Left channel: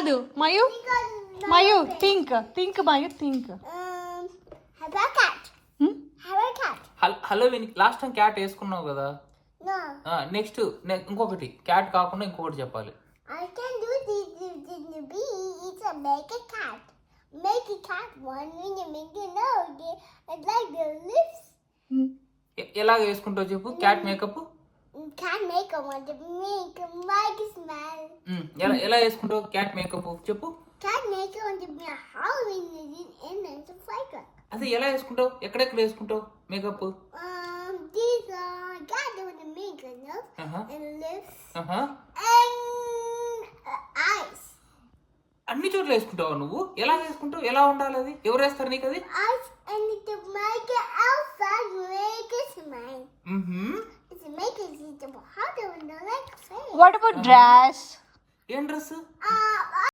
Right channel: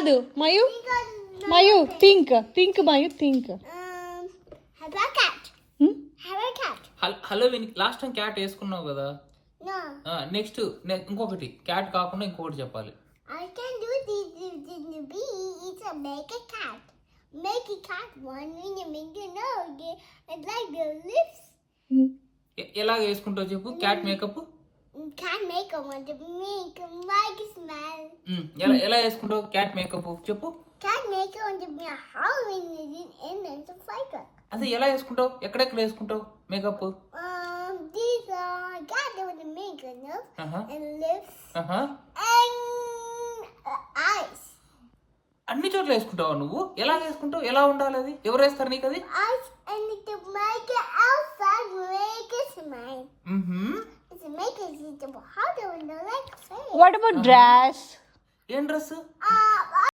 కాదు meow meow think meow think Have a cat. Have a cat. Halloween last time cat వేసుకున్నావు కదా. No. Next ఇంకొకటి క్యాట్ కాకుండా ఇంకొకటి చెప్పాలి. I can do the bee. It's a make a cat. Make a cat one when you make it no. It's like the lips. ఎలాగ వేసుకుంటావు చెప్పు cat makeup. Cat make a one to make like a smile. ఎలా వేసుకుంటావు cat makeup చెప్పు. Cat make a one to be a Halloween and it's a flicker. అదే ఎలా వేసుకుంటావు ఎక్కడెక్కడ వేసుకుంటావు makeup. These are cat with the makeup, no? And lips. And eyes. అన్ని చోట్ల వేసుకుంటావా నువ్వు. ఎలా వేసుకుంటావు ఎలా ఉండాలి అది ఎవరు వేస్తారు నీకు అది. Eyes and the make it outside make it smile. It's a make it how do you know like say. What about dress? ఏం డ్రెస్.